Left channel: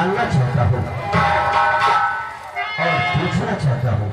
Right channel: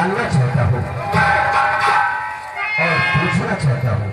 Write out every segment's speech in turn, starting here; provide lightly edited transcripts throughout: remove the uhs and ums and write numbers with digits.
जानना चाहता हूँ और पूछना चाहता हूँ।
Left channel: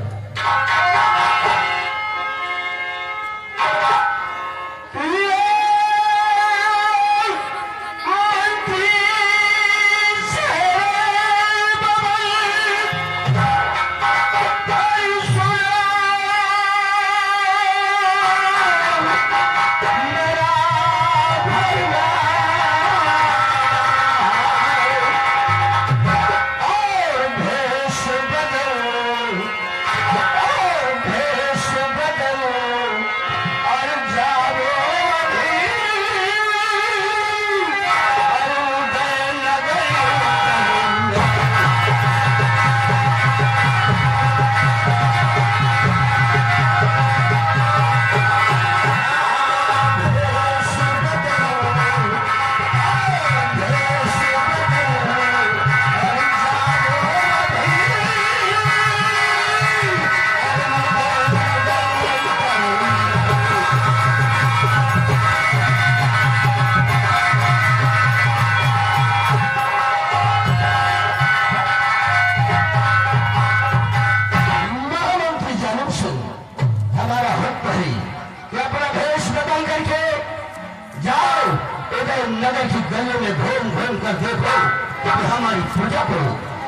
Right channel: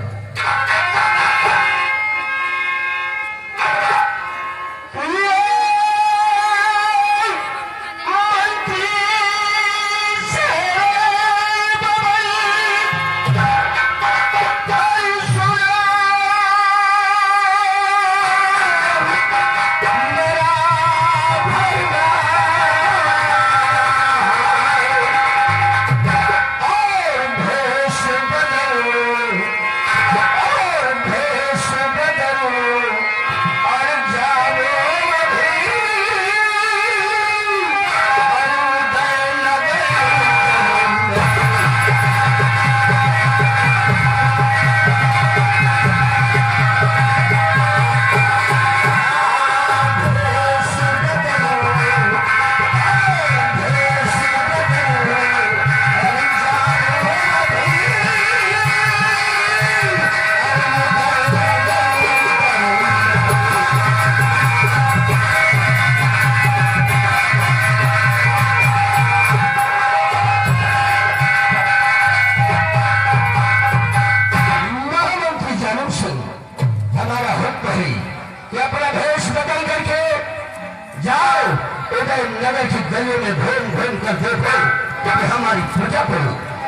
नगर की गलियों में घूम घूम कर देखो कि हमारी प्रजा को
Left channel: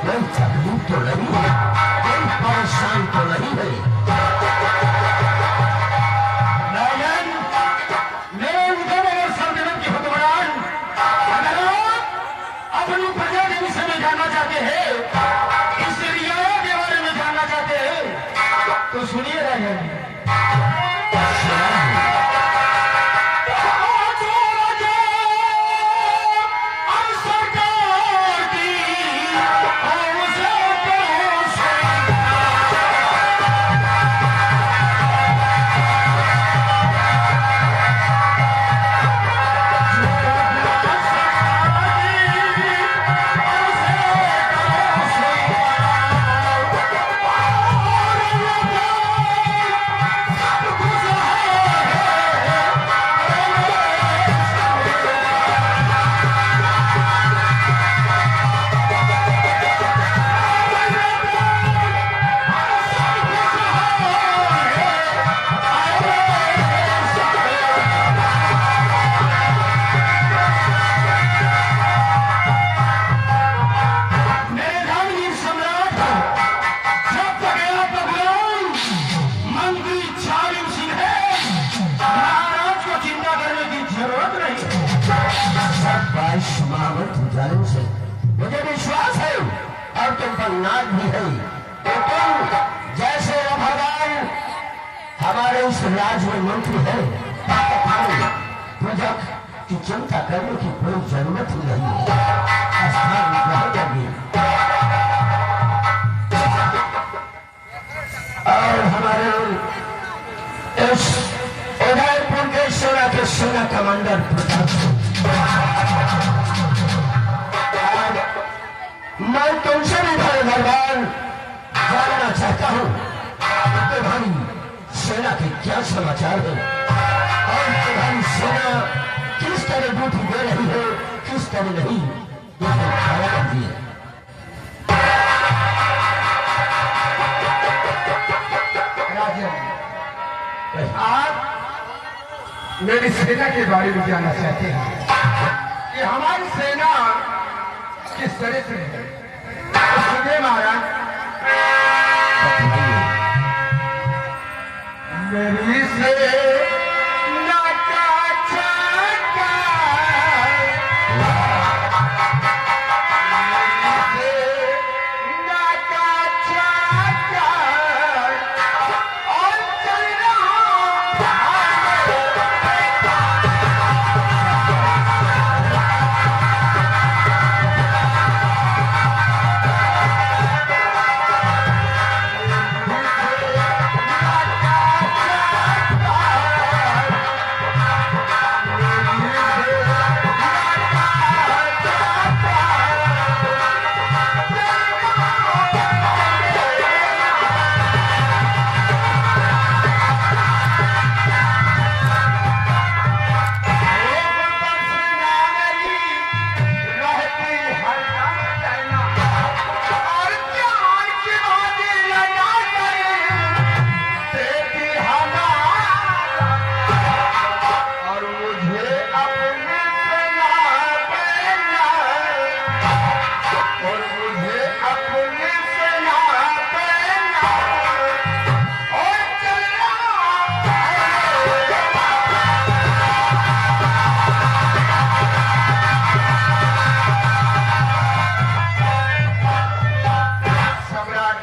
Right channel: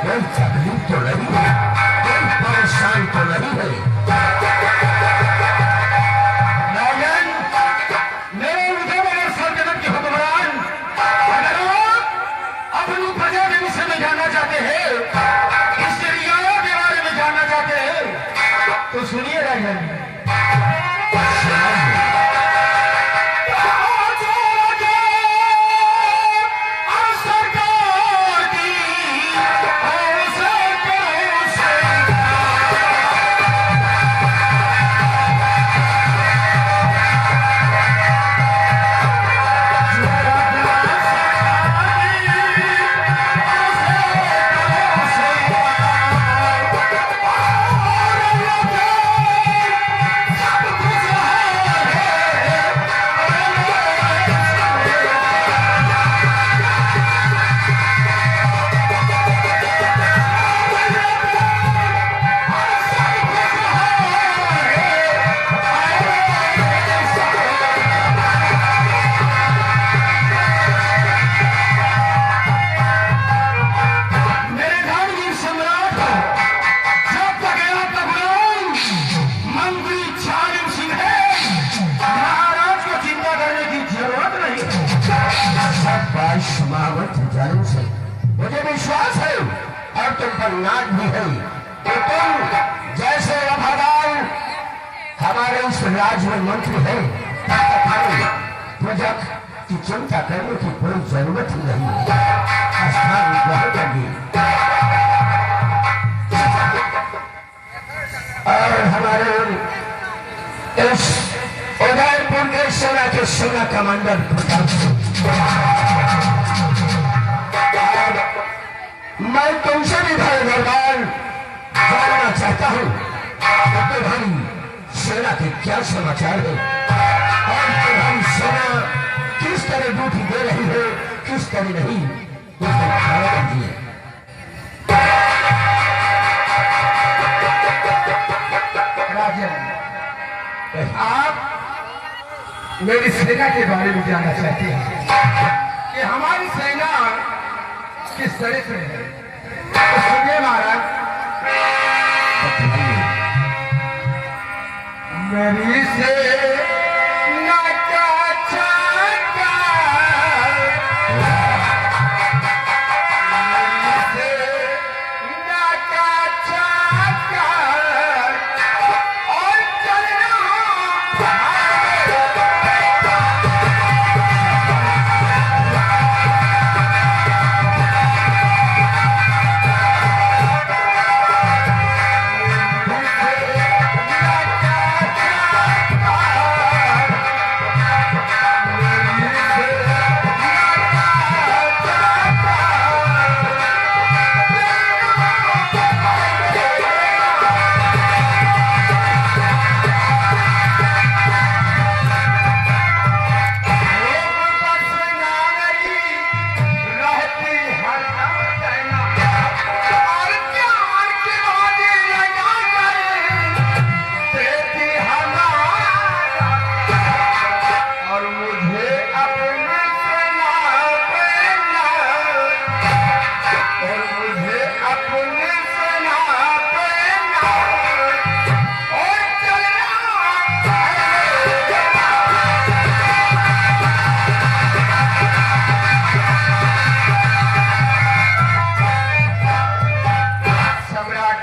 कोई तकलीफ तो नहीं है, कोई परेशान तो नहीं है। राजन, मेरे उनके मेरे सल्तनत के हुक्मरान, अगर आप अपनी प्रजा के विषय में जानना चाहते हैं, इस रियाया के बारे में जानना चाहते हैं, तो सुनिए राजन। मुझे विश्वास है और तुम पर नाज भी है कि तुम जैसे वफादार हमारे इस राज्य में मंत्री है, प्रजा की चिंता करने की कोई जरूरत ही नहीं है। स्थान ग्रहण करनी और हमारे इस उदयपुर के सेना के सेना कमांडर प्रताप सिंह, मैं तुमसे भी भाई दरबार जानना चाहता हूँ कि तुम्हारी सेना के क्या समाचार है और तुम्हारी सेना किस तरह ड्यूटी दे रही है, किस तरह नहीं, उसमें खड़ा कर दिए। राजन, आप मेरी सेना के बारे में जानना चाहते हैं कि हमारी सेना किस तरह से है, तो सुनिए महाराज। मेरी सेना का चाका, मेरी सेना का चाका और चल रहा और मुझे अपनी सेना पे और चलना सम्राट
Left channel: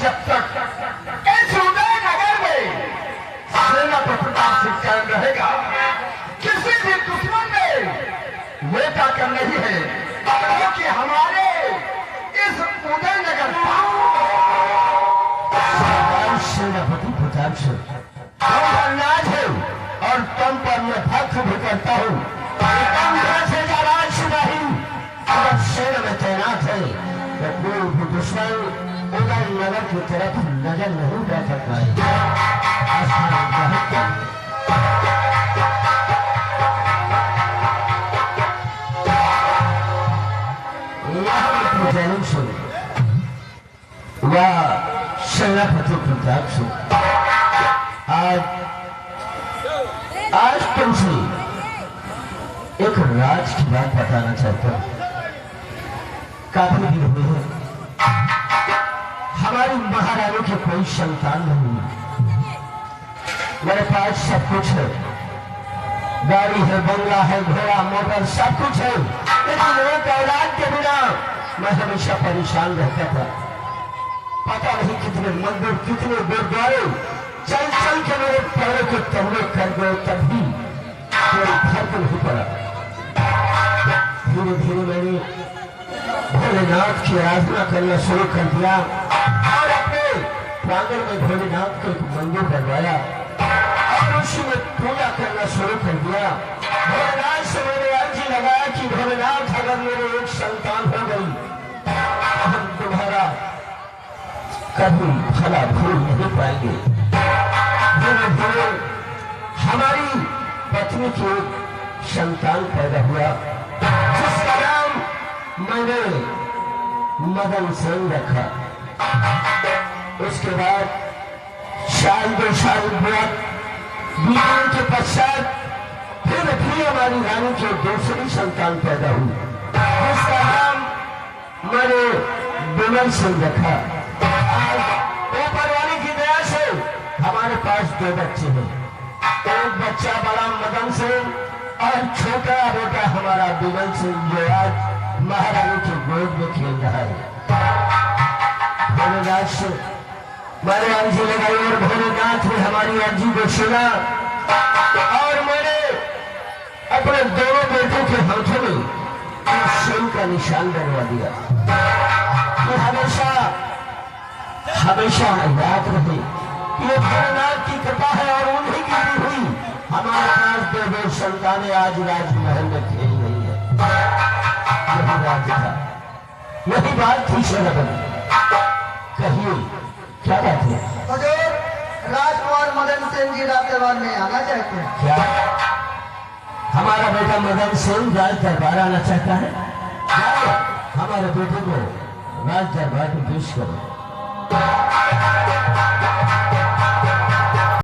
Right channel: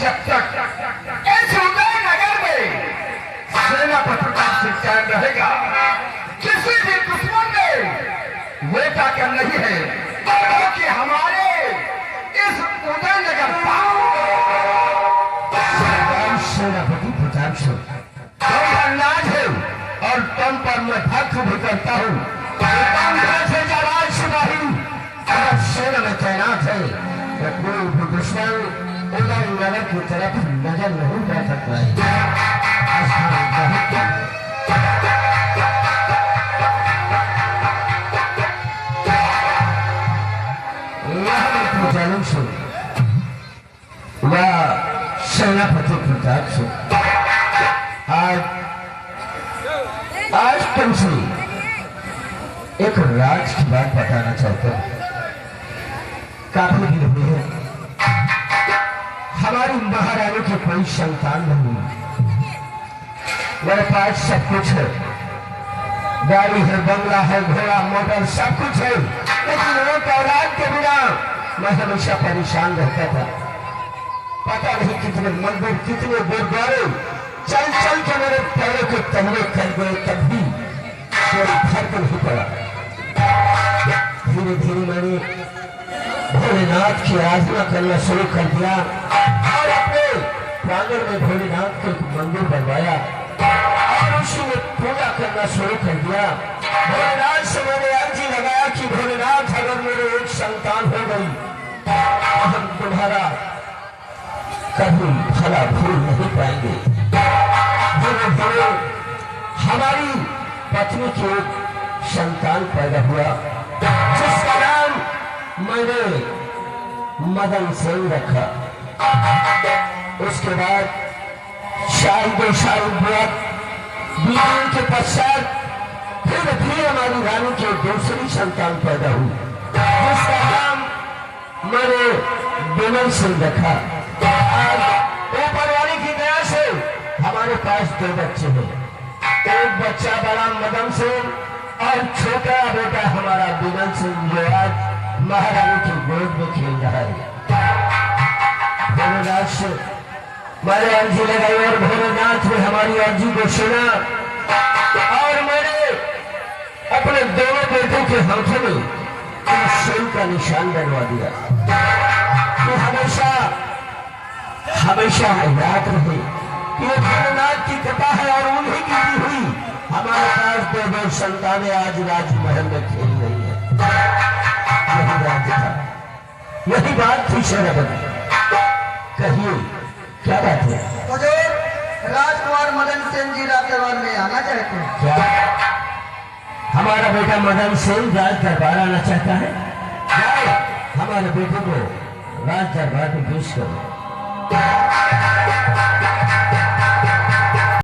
जब तक इस उदयनगर में सेना पर प्रताप सिंह कायम रहेगा, किसी भी दुश्मन ने ये ताकत नहीं है कि हमारे इस उदयनगर सेनापति प्रताप सिंह तुम पर नाज है और तुम पर मैं भक्त भी करता हूँ। तुम जैसे जवान सिपाही अगर सेना में तैनात है तो कोई भी दुश्मन उदयनगर की तरफ नजर नहीं रख सकता है। वह सेनापति प्रताप सिंह आज तुमसे एक राज की बात बताना चाहता हूं। काफी दिन हुए हैं हमारी महारानी की कोई संतान नहीं है। मेरे पास सब कुछ है, गाड़ी है, बंगला है, घोड़ा मोटर सब कुछ है, लेकिन एक औलाद के बिना मैं हमेशा परेशान रहता था। पता नहीं कितने मंदिर, कितने गुरुद्वारे चल चल के मेरे पैरों के तलवे कर गए, तब भी कोई फर्क नहीं पड़ा। धीरे धीरे मैंने भोलेनाथ की आराधना करना शुरू कर दिया और अपने प्रांगण में भोलेनाथ का एक मंदिर बनवाया और उसी में पूजा करना शुरू कर दिया। भोलेनाथ से मैंने अर्जी लगाया कि भोलेनाथ अगर मेरे एक संतान हो गई तो हम तुम्हारा कभी भला भूल नहीं पाएंगे। धीरे धीरे हमारी पत्नी की एक संतान पैदा हुआ जिसका नाम मैंने मदन सिंह रखा। उसके बाद साल 2 साल बाद बीतने के पश्चात फिर हमारी रानी की दूसरी संतान पैदा हुई जिसका नाम मैंने विमल सिंह रखा। आज ऊपर वाले की दया से हमारे पास 2 बच्चे हैं। एक बच्चा बड़ा मदन सिंह और छोटा बेटा हमारा विमल सिंह जो आज महारानी की गोद में खेल रहा है। भोलेनाथ से मैंने अर्जी लगाई और भोलेनाथ ने हमारी अर्जी को सुना और मैंने अपने दोनों बेटों के हाथों में सिंह का निशान बनवा दिया कि हमेशा हमेशा याद रहे कि ये भोलेनाथ की कृपा है और उन्हीं की दी हुई हमारे पास 2 संतानें आज राजमहल में खेल रही है। यही राज था, यही बात थी सेनापति। कहिए क्या बात है? हुजूर, राजकुमार मदन सिंह जी राज दरबार में आना चाहते हैं। क्या हमारा बेटा मदन सिंह राज दरबार आना चाहता है? जाओ हमारे बेटे को राज दरबार में पेश करो।